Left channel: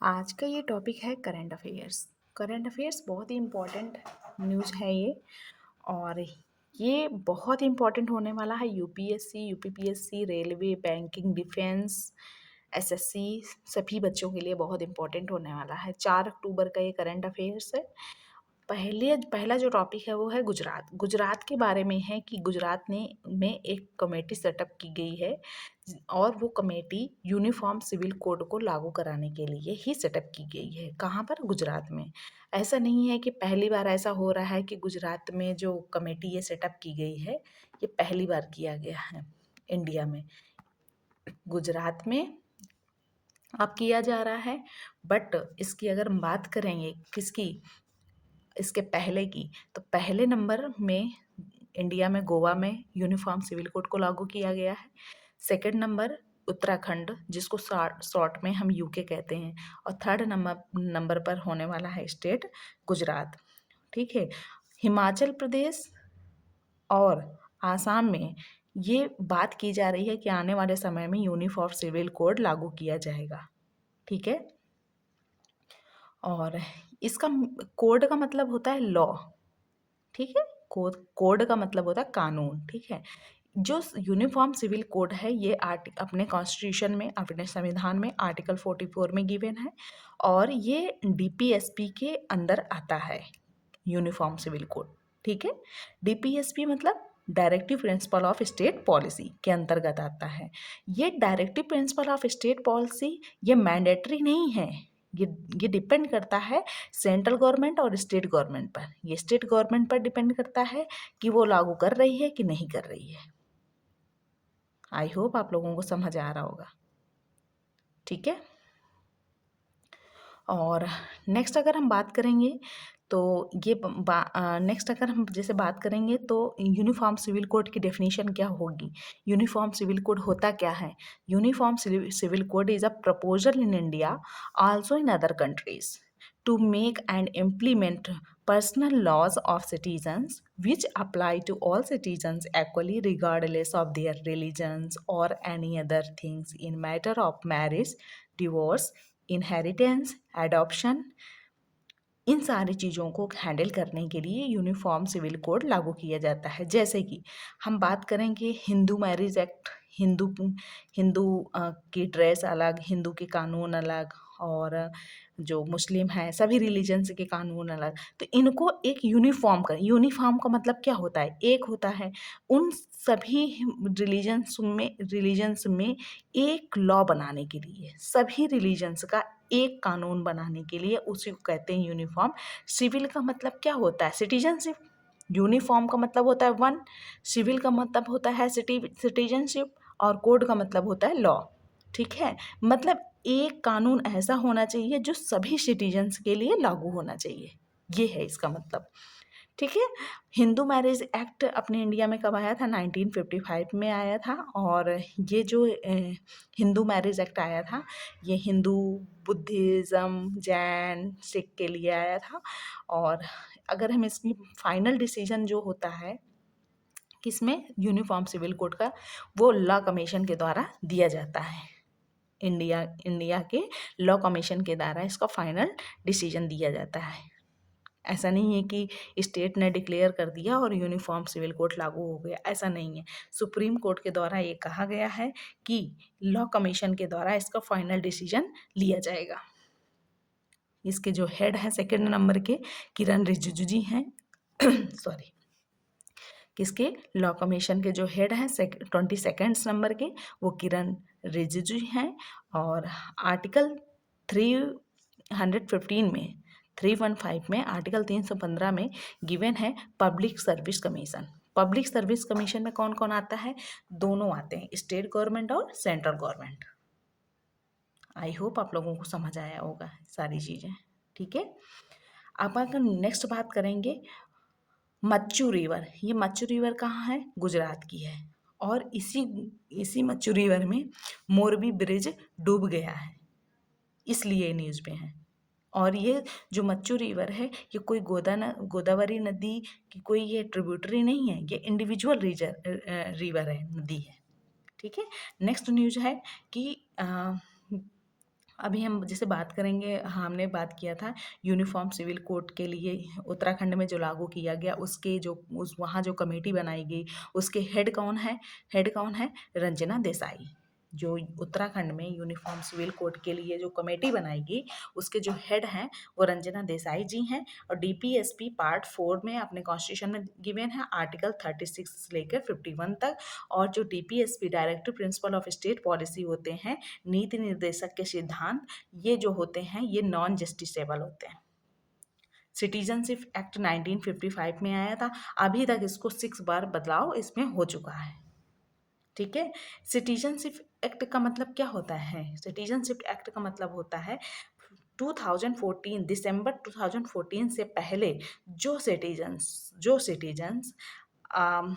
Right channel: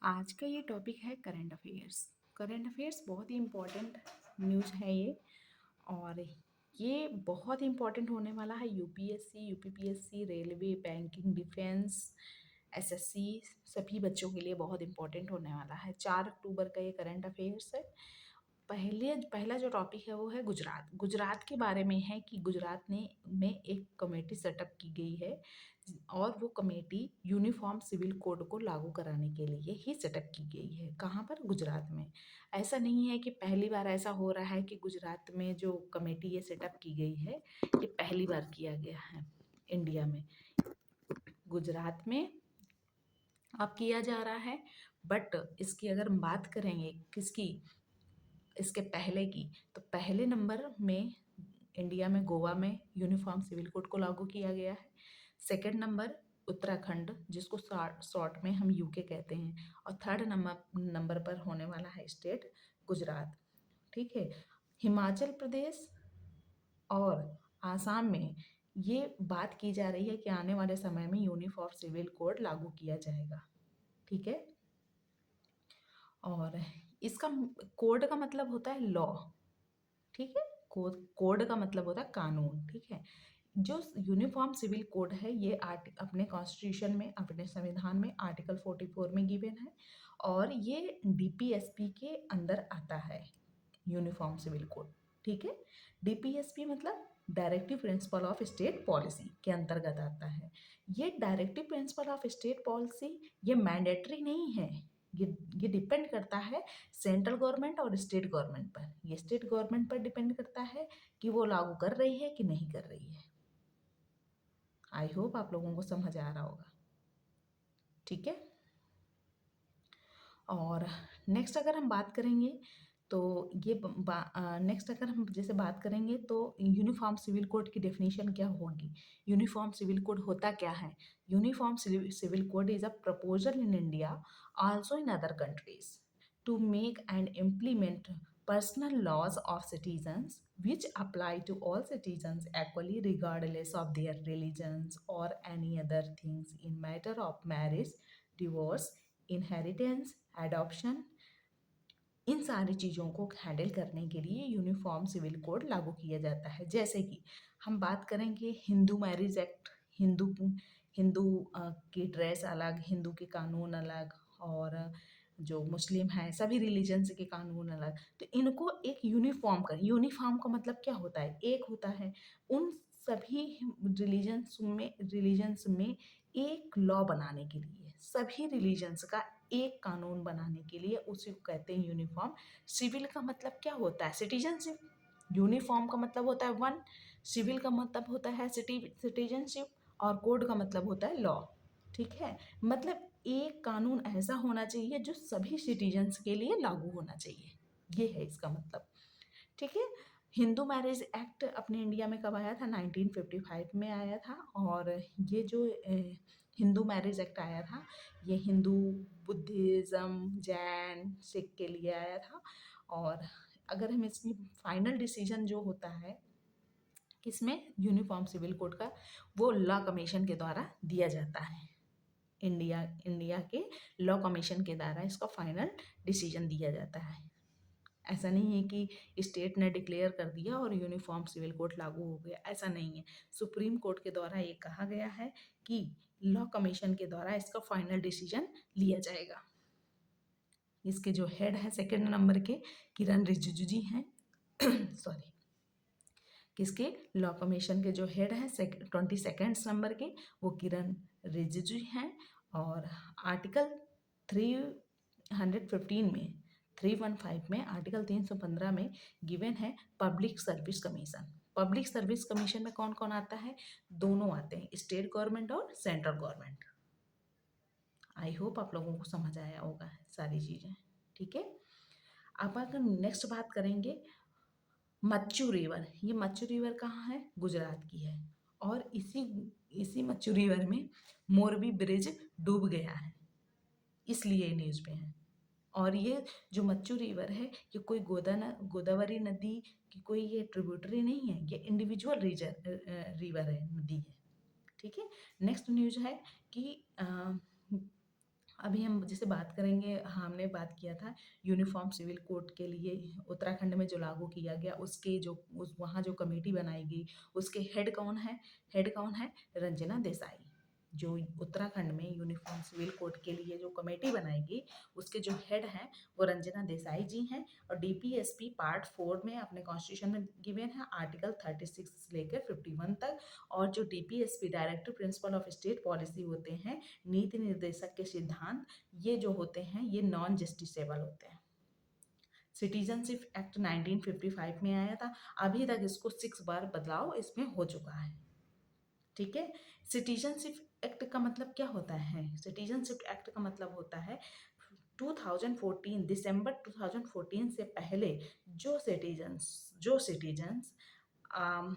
आज का ये टॉपिक है करंट अफेयर्स। करंट अफेयर्स बहुत ही इम्पोर्टेंट न्यूज़ है ये। और ये बहुत इम्पोर्टेंट होने वाला है UPSC, UPPSC, railway, banking, defence, SSC, सभी बच्चों के लिए बहुत इम्पोर्टेंट होने वाला है। 4 अक्टूबर का ये करंट अफेयर्स है। पहला जो टॉपिक है वो है गुजरात। गुजरात के बारे में है कि गुजरात में एक कमेटी सेटअप की गई है और वो कमेटी यूनिफॉर्म सिविल कोड को लागू कराने के लिए ही सेटअप की गई है। कहाँ पर? गुजरात में। ऐसा नहीं है कि पहली बार ऐसा हो रहा है कि गुजरात में जो कमेटी ये सेटअप की गई है, ये पहली बार किया गया है इंडिया में। गुजरात में अब किया जा रहा है, बट इसकी अगर हम बात करेंगे किसकी, इसके पहले की, तो पहले नंबर में इंडिया में गोवा में यूनिफॉर्म सिविल कोड को लागू किया गया है। सेकंड नंबर उत्तराखंड, जिसको शॉर्ट में हम यूके कहते हैं। और थर्ड नंबर पर होने वाला है स्टेट गुजरात। ठीक है। हिमाचल प्रदेश और आसाम में ये बात की जा रही है कि आने वाले समय में यूनिफॉर्म सिविल कोड लागू किया जाएगा। ठीक है। और इसका कोड का मतलब होता है लॉ। ठीक है। कोड का मतलब होता है कानून। ठीक है। जो यूनिफॉर्म सिविल कोड है ये अपने कॉन्स्टिट्यूशन में, अपने संविधान में आर्टिकल 44 में गिवन है और ये डीपीएसपी के अंदर आता है यूनिफॉर्म सिविल कोड। ठीक है। डीपीएसपी मतलब directive principle of state policy के अंतर्गत आता है। ये directive principle of state policy ये मैंडेटरी नहीं है। ये ये डिपेंड करता है सेंट्रल गवर्नमेंट और स्टेट गवर्नमेंट पर। ये स्टेट गवर्नमेंट पर डिपेंड करता है कि वो लागू कर रही है कि नहीं कर रही है। आई होप आप लोगों को समझ आ रहा होगा। ठीक है। और नेक्स्ट अगर हम बात करेंगे तो ये नेक्स्ट अगर हम जैसे बात करेंगे तो यूनिफॉर्म सिविल कोड की डेफिनेशन क्या होगी। यूनिफॉर्म सिविल कोड होता क्या है? Uniform civil code is a proposal in India, also in other countries, to make and implement personal laws of citizens which apply to all citizens equally regardless of their religions or any other things in matter of marriage, divorce, inheritance, adoption. इन सारी चीज़ों को handle करने के लिए uniform civil code लागू किया जाता है। जैसे कि हम बात करेंगे हिंदू मैरिज एक्ट, हिंदू हिंदू की ड्रेस अलग, हिंदू के कानून अलग, और जो मुस्लिम हैं सभी रिलीजन्स के कानून अलग। तो इनको एक यूनिफॉर्म का मतलब क्या होता है? एक होता है उन सभी रिलीजन्स में एक लॉ बनाने के लिए, सभी रिलीजन्स का एक कानून बनाने के लिए, उसी को कहते हैं यूनिफॉर्म। सिविल का मतलब क्या होता है? सिटीजनशिप। यूनिफॉर्म का मतलब होता है वन, सिविल का मतलब होता है सिटीजनशिप, और कोड का मतलब होता है लॉ। ठीक है। मतलब एक कानून ऐसा होना चाहिए जो सभी सिटीजन्स के लिए लागू होना चाहिए, ये है इसका मतलब। ठीक है। हिंदू मैरिज एक्ट अपने इंडिया में कब आया था? 1955 में आया था। और ये जो हिंदू मैरिज एक्ट आया था, ये हिंदू, बुद्धिज़्म, जैन, सिख के लिए आया था। और अगर हम इसकी फाइनल डिसीजन जो होता है किसमें, यूनिफॉर्म सिविल कोड का, वो लॉ कमीशन के द्वारा दिया जाता है। इंडिया के लॉ कमीशन के द्वारा इसका फाइनल डिसीजन दिया जाता है। ऐसा नहीं है कि स्टेट ने डिक्लेयर कर दिया और यूनिफॉर्म सिविल कोड लागू हो गया, ऐसा नहीं है। सुप्रीम कोर्ट के द्वारा ये कहा गया है कि लॉ कमीशन के द्वारा इसका फाइनल डिसीजन लिया जाएगा। इसके जो हेड है सेकंड नंबर के, किरण रिजिजू जी हैं सॉरी, किसके? लॉ कमीशन के जो हेड हैं 22 नंबर के, वो किरण रिजिजू हैं। और आर्टिकल 315 में, 315 में, आर्टिकल 315 में गिवन है public service commission. Public service commission में कौन कौन आता है? दोनों आते हैं, स्टेट गवर्नमेंट और सेंट्रल गवर्नमेंट। आई होप आप लोगों को समझ आया होगा सारी चीज़ें। ठीक है। अब अगर नेक्स्ट बात करेंगे मच्चू रिवर। ये मच्चू रिवर कहाँ है? गुजरात की है। और इसी इसी मच्चू रिवर में मोरबी ब्रिज डूब गया है, इसलिए न्यूज़ में है। और ये जो मच्चू रिवर है, ये कोई गोदावरी नदी की कोई ये ट्रिब्यूटरी नहीं है, ये इंडिविजुअल रिवर है, नदी है। ठीक है। नेक्स्ट न्यूज है कि अभी हम जैसे बात करेंगे, हमने बात किया था यूनिफॉर्म सिविल कोड के लिए उत्तराखंड में जो लागू किया गया, उसके जो उस वहाँ जो कमेटी बनाई गई, उसके हेड कौन है? हेड कौन है? रंजना देसाई। जो उत्तराखंड में यूनिफॉर्म सिविल कोड के लिए जो कमेटी बनाई गई, उसके जो हेड हैं वो रंजना देसाई जी हैं। और डीपीएसपी पार्ट 4 में अपने कॉन्स्टिट्यूशन में गिवन है आर्टिकल 36 से लेकर 51 तक। और जो DPSP directive principle of state policy होते हैं, नीति निर्देशक के सिद्धांत, ये जो होते हैं ये नॉन जस्टिसेबल होते हैं। सिटीजनशिप एक्ट 1955 में आया था, अभी तक इसको 6 बार बदलाव इसमें हो चुका है। ठीक है। सिटीजनशिप एक्ट का मतलब क्या होता है? सिटीजनशिप एक्ट का मतलब होता है 2014 दिसंबर 2014 से पहले जो सिटीजन्स आम,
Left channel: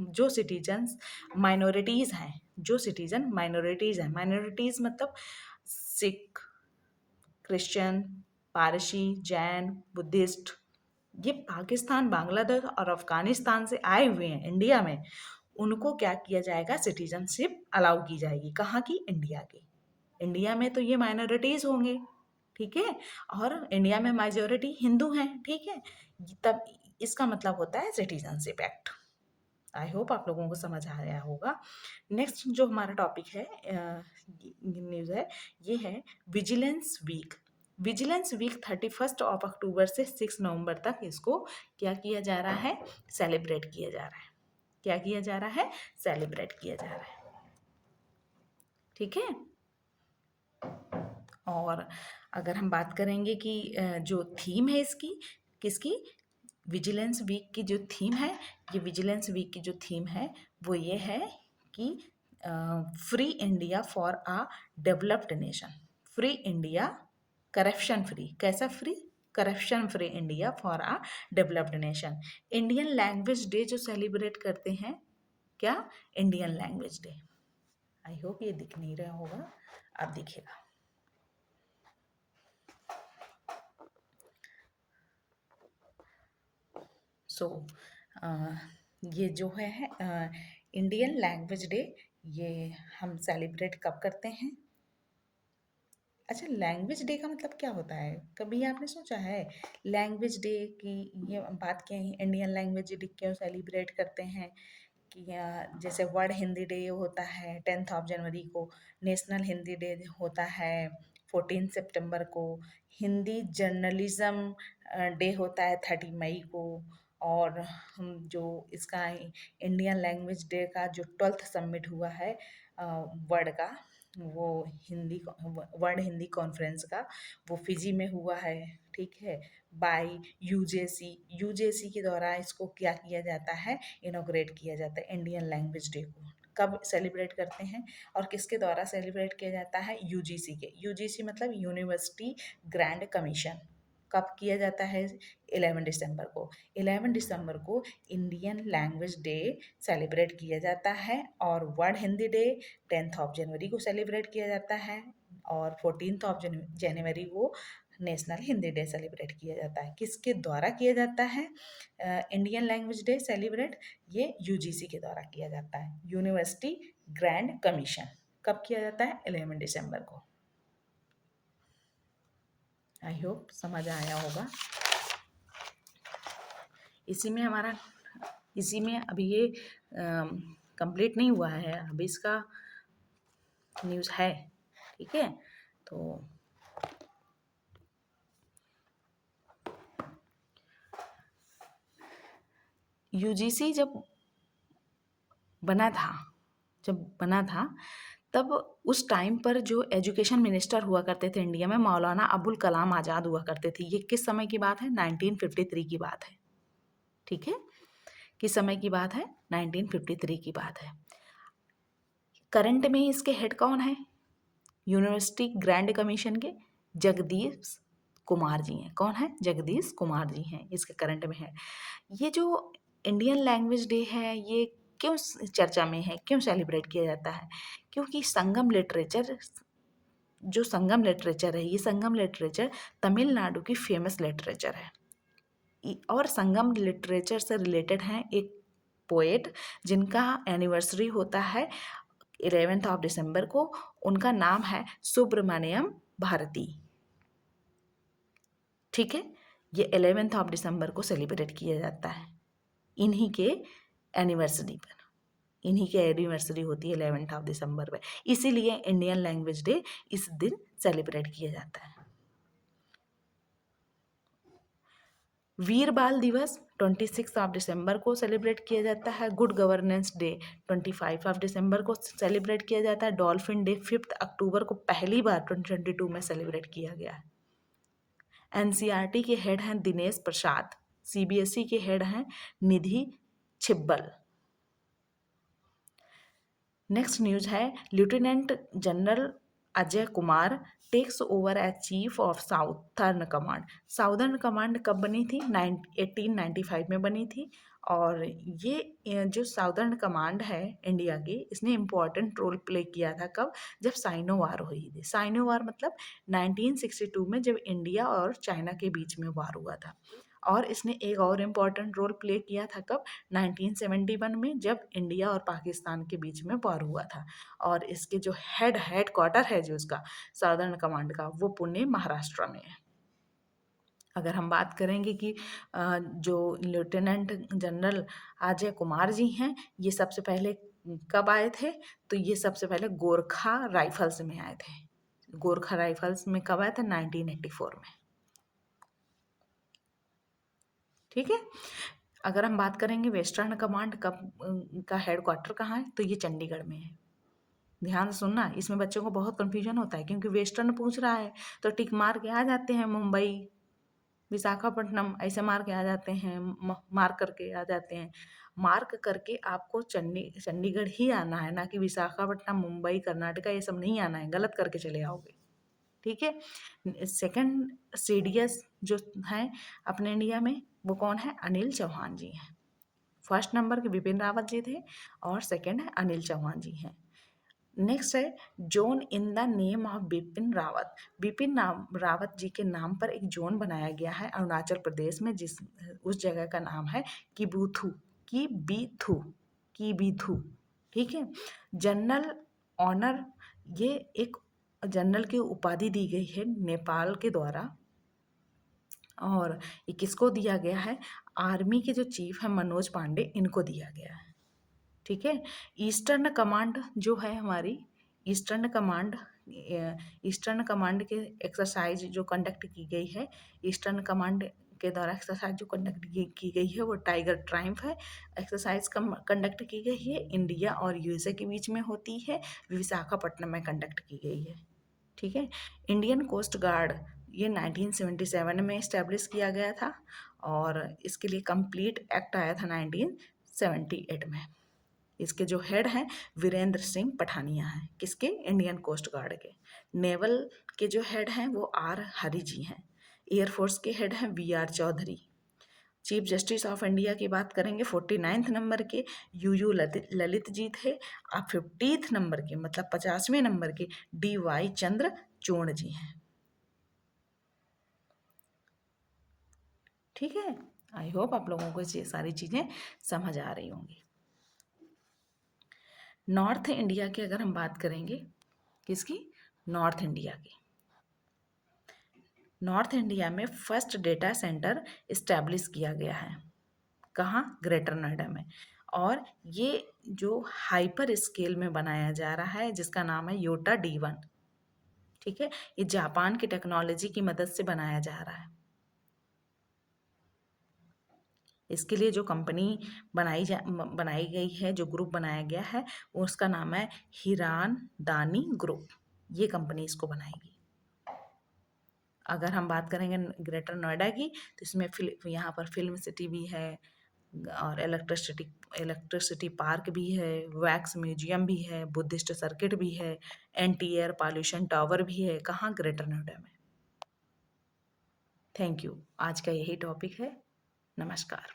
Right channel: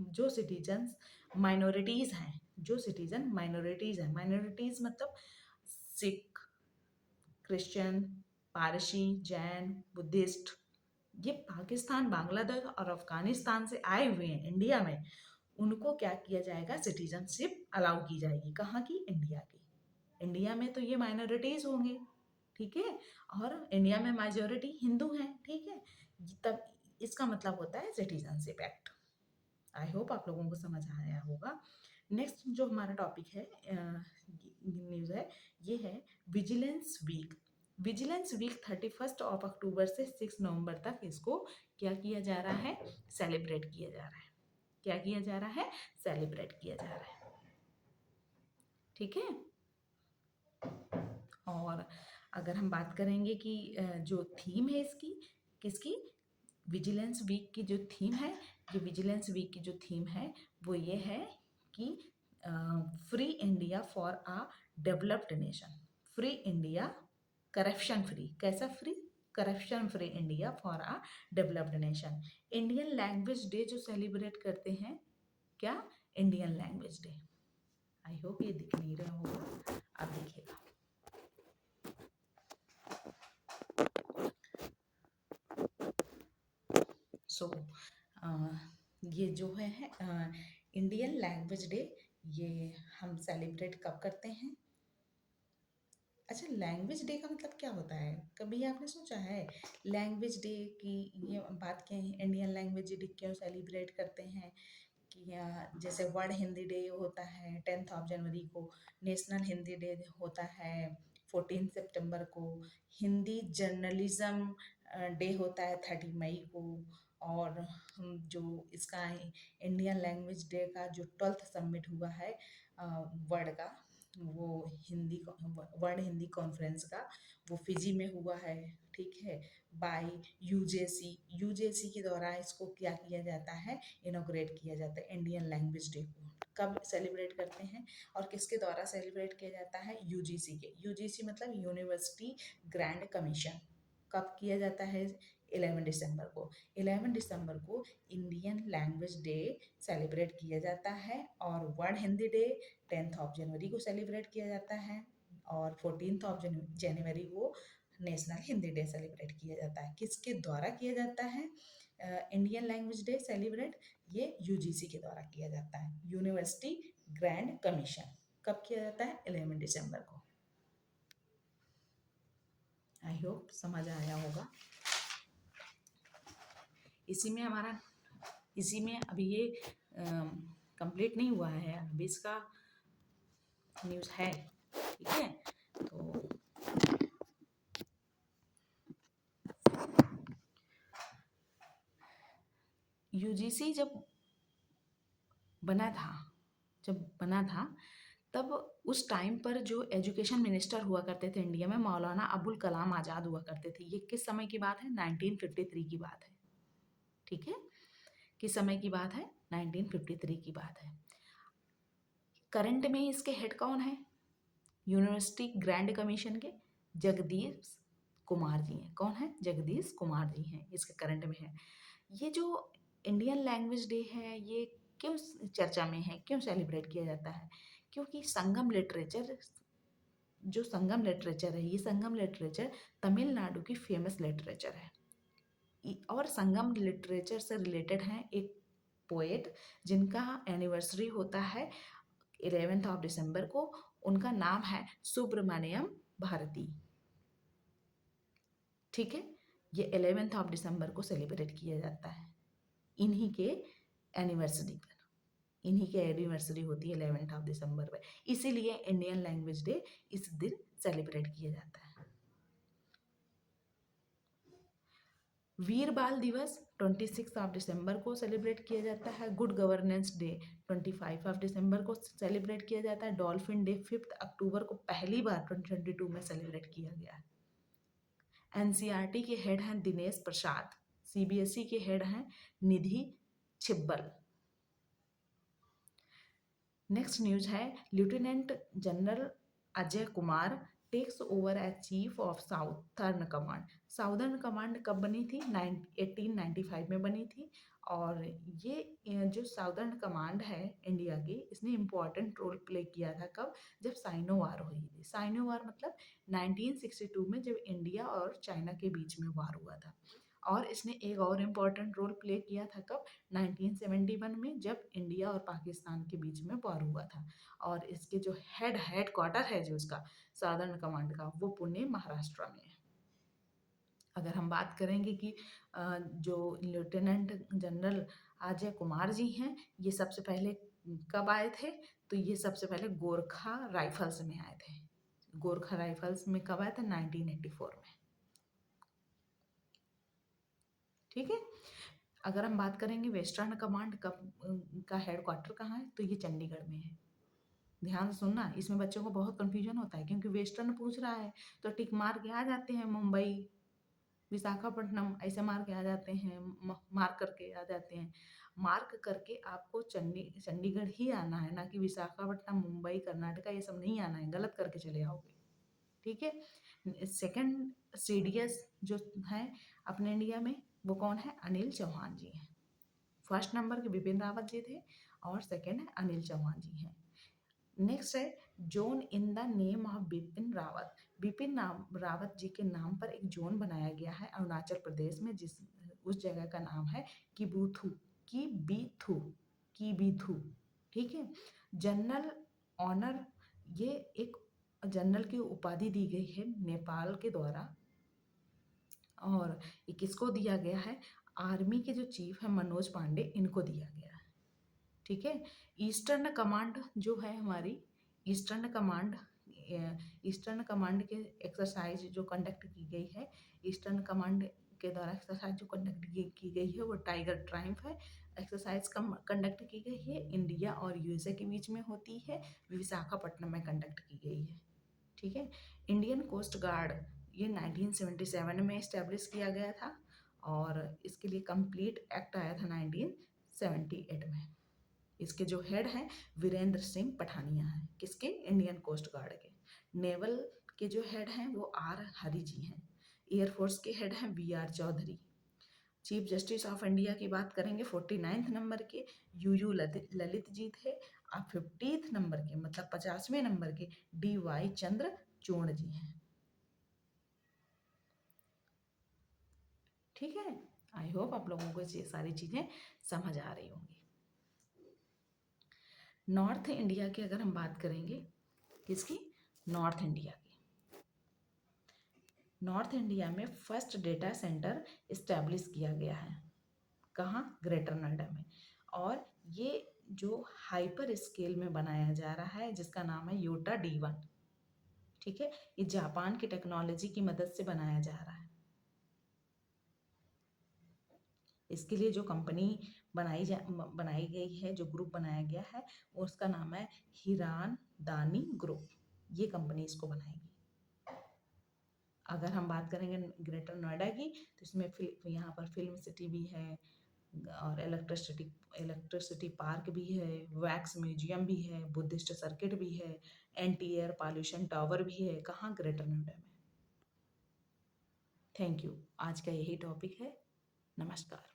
जो सिटीजन्स माइनॉरिटीज़ हैं, जो सिटीजन माइनॉरिटीज़ हैं, माइनॉरिटीज़ मतलब सिख, क्रिश्चियन, पारसी, जैन, बुद्धिस्ट, ये पाकिस्तान, बांग्लादेश और अफगानिस्तान से आए हुए हैं इंडिया में, उनको क्या किया जाएगा? सिटीजनशिप अलाउ की जाएगी। कहाँ की? इंडिया की। इंडिया में तो ये माइनॉरिटीज़ होंगे, ठीक है, और इंडिया में मेजॉरिटी हिंदू हैं, ठीक है। तब इसका मतलब होता है सिटीजनशिप एक्ट। आई होप आप लोगों को समझ आया होगा। नेक्स्ट जो हमारा टॉपिक है, न्यूज़ है, ये है vigilance week. Vigilance week 31 of October से 6 नवंबर तक इसको क्या किया जा रहा है? सेलिब्रेट किया जा रहा है। क्या किया जा रहा है? सेलिब्रेट किया जा रहा है। ठीक है। और अगर हम बात करेंगे कि जो थीम है इसकी, किसकी? विजिलेंस वीक की जो थीम है, ये विजिलेंस वीक की जो थीम है वो ये है कि free India for a developed nation. Free India, corruption free. कैसा free? Corruption free India for a developed nation. Indian language day जो सेलिब्रेट करते हैं, क्या? इंडियन लैंग्वेज डे। आई होप ये दिख नहीं रहा होगा, अब दिखेगा। सो ये जो है इंडियन लैंग्वेज डे, ये हम सेलिब्रेट कब करते हैं? अच्छा, लैंग्वेज डे का मतलब क्या होता है? कभी आपने सोचा है लैंग्वेज डे की? ये बात क्या है, इंडियन लैंग्वेज डे क्यों सेलिब्रेट करते हैं? कि जैसे वर्ल्ड हिंदी डे होता है 10th ऑफ जनवरी को, नेशनल हिंदी डे होता है 14 सितंबर को, हिंदी जर्नलिज्म डे होता है 30 मई को, और हम जो इसका इंडियन लैंग्वेज डे का जो 12th समिट हुआ है वर्ल्ड का, वो हिंदी वर्ल्ड हिंदी कॉन्फ्रेंस का, वो फिजी में हुआ है, ठीक है, बाय यूजेसी। यूजेसी के द्वारा इसको क्या किया जाता है? इनॉग्रेट किया जाता है इंडियन लैंग्वेज डे को। कब सेलिब्रेट करते हैं और किसके द्वारा सेलिब्रेट किया जाता है? यूजीसी के। यूजीसी मतलब यूनिवर्सिटी ग्रैंड कमीशन। कब किया जाता है? 11 दिसंबर को। 11 दिसंबर को इंडियन लैंग्वेज डे सेलिब्रेट किया जाता है, और world Hindi day 10th of January को सेलिब्रेट किया जाता है, और 14th ऑफ जनवरी को नेशनल हिंदी डे सेलिब्रेट किया जाता है। किसके द्वारा किया जाता है इंडियन लैंग्वेज डे सेलिब्रेट? ये यूजीसी के द्वारा किया जाता है, यूनिवर्सिटी ग्रैंड कमीशन। कब किया जाता है? 11 दिसंबर को। आई होप समझ आया होगा। इसी में अभी ये कंप्लीट नहीं हुआ है, अभी इसका न्यूज़ है, ठीक है। तो यूजीसी जब बना था तब उस टाइम पर जो एजुकेशन मिनिस्टर हुआ करते थे इंडिया में, मौलाना अबुल कलाम आज़ाद हुआ करते थे। ये किस समय की बात है? 1953 की बात है, ठीक है। किस समय की बात है? 1953 की बात है। करंट में इसके हेड कौन है? यूनिवर्सिटी ग्रैंड कमीशन के जगदीश कुमार जी हैं। कौन है? जगदीश कुमार जी हैं इसके करंट में है। ये जो इंडियन लैंग्वेज डे है, ये क्यों चर्चा में है, क्यों सेलिब्रेट किया जाता है? क्योंकि संगम लिटरेचर, जो संगम लिटरेचर है, ये संगम लिटरेचर तमिलनाडु की फेमस लिटरेचर है। और संगम लिटरेचर से रिलेटेड हैं एक पोएट जिनका एनिवर्सरी होता है 11th ऑफ दिसंबर को। उनका नाम है सुब्रमण्यम भारती। ठीक है, ये 11th ऑफ दिसंबर को सेलिब्रेट किया जाता है इन्हीं के एनिवर्सरी पर। इन्हीं की एनिवर्सरी होती है 11th ऑफ दिसंबर में, इसीलिए इंडियन लैंग्वेज डे इस दिन सेलिब्रेट किया जाता है। वीर बाल दिवस 26 ऑफ दिसंबर को सेलिब्रेट किया जाता है। Good governance day 25 of December को सेलिब्रेट किया जाता है। डॉल्फिन डे 5 अक्टूबर को पहली बार 2022 में सेलिब्रेट किया गया है। एनसीईआरटी के हेड हैं दिनेश प्रसाद। सीबीएसई के हेड हैं निधि छिब्बल। नेक्स्ट न्यूज है lieutenant general Ajay Kumar takes over as chief of southern command. Southern command कब बनी थी? 1895 में बनी थी। और ये जो साउदर्न कमांड है इंडिया की, इसने इम्पोर्टेंट रोल प्ले किया था कब? जब साइनो वार हुई थी। साइनो वार मतलब 1962 में, जब इंडिया और चाइना के बीच में वार हुआ था। और इसने एक और इम्पॉर्टेंट रोल प्ले किया था कब? 1971 में, जब इंडिया और पाकिस्तान के बीच में वार हुआ था। और इसके जो हेड क्वार्टर है जो इसका साउदर्न कमांड का, वो पुणे महाराष्ट्र में है। अगर हम बात करेंगे कि जो लेफ्टिनेंट जनरल अजय कुमार जी हैं, ये सबसे पहले कब आए थे? तो ये सबसे पहले गोरखा राइफल्स में आए थे। गोरखा राइफल्स में कब आए थे? 1984 में। ठीक है। अगर हम बात करेंगे वेस्टर्न कमांड कब का हेडक्वार्टर कहाँ है, तो ये चंडीगढ़ में है। ध्यान से सुनना, इसमें बच्चों को बहुत कंफ्यूजन होता है, क्योंकि वेस्टर्न पूछ रहा है तो टिक मार के आ जाते हैं मुंबई, विशाखापट्टनम, ऐसे मार के आ जाते हैं, मार्क करके आ जाते हैं। मार्क करके आपको चंडीगढ़ ही आना है, ना कि विशाखापट्टनम, मुंबई, कर्नाटका, ये सब नहीं आना है, गलत करके चले आओगे। ठीक है। सेकंड सीडीएस जो है अपने इंडिया में, वो कौन है? अनिल चौहान जी हैं। फर्स्ट नंबर के बिपिन रावत जी थे, और सेकंड है अनिल चौहान जी हैं। नेक्स्ट है zone in the name of Bipin Rawat. Rawat ji के नाम पर एक जोन बनाया गया है अरुणाचल प्रदेश में, जिस उस जगह का नाम है किबूथू। की बीथू। ठीक है। जनरल ऑनर, ये एक जनरल की उपाधि दी गई है नेपाल के द्वारा। और ये किसको दिया गया है? आर्मी के जो चीफ है मनोज पांडे, इनको दिया गया है। ठीक है। ईस्टर्न कमांड जो है हमारी, ईस्टर्न कमांड ईस्टर्न कमांड के एक्सरसाइज जो कंडक्ट की गई है, ईस्टर्न कमांड के द्वारा एक्सरसाइज जो कंडक्ट की गई है, वो टाइगर ट्रायम्फ है। एक्सरसाइज कंडक्ट की गई है इंडिया और यूएसए के बीच में होती है, विशाखापट्टनम में कंडक्ट की गई है। ठीक है। इंडियन कोस्ट गार्ड, ये 1977 में इस्टेब्लिश किया गया था, और इसके लिए कंप्लीट एक्ट आया था 1978 में। इसके जो हेड हैं वीरेंद्र सिंह पठानिया हैं। किसके? इंडियन कोस्ट गार्ड के। नेवल के जो हेड हैं वो आर हरि जी हैं। एयरफोर्स के हेड हैं V R Chaudhari. Chief justice of India की बात करेंगे 49th नंबर के यू ललित जी थे। और 50th नंबर के, मतलब 50वें नंबर के, DY चंद्रचूड़ जी हैं। ठीक है। आई होप आप लोगों को ये सारी चीज़ें समझ आ रही होंगी। नॉर्थ इंडिया की अगर हम बात करेंगे, किसकी? नॉर्थ इंडिया की। नॉर्थ इंडिया में फर्स्ट डेटा सेंटर इस्टेब्लिश किया गया है। कहाँ? ग्रेटर नोएडा में। और ये जो हाइपर स्केल में बनाया जा रहा है, जिसका नाम है योटा D1। ठीक है। ये जापान की टेक्नोलॉजी की मदद से बनाया जा रहा है। इसके लिए जो कंपनी बनाई गई है, जो ग्रुप बनाया गया है, उसका नाम है हिरान दानी ग्रुप। ये कंपनी इसको बनाएगी। अगर हम बात करेंगे ग्रेटर नोएडा की, तो इसमें यहाँ पर फिल्म सिटी भी है, और इलेक्ट्रिसिटी पार्क भी है, वैक्स म्यूजियम भी है, बुद्धिस्ट सर्किट भी है, एंटी एयर पॉल्यूशन टावर भी है। कहाँ? ग्रेटर नोएडा में। Thank you. आज का यही टॉपिक है। नमस्कार।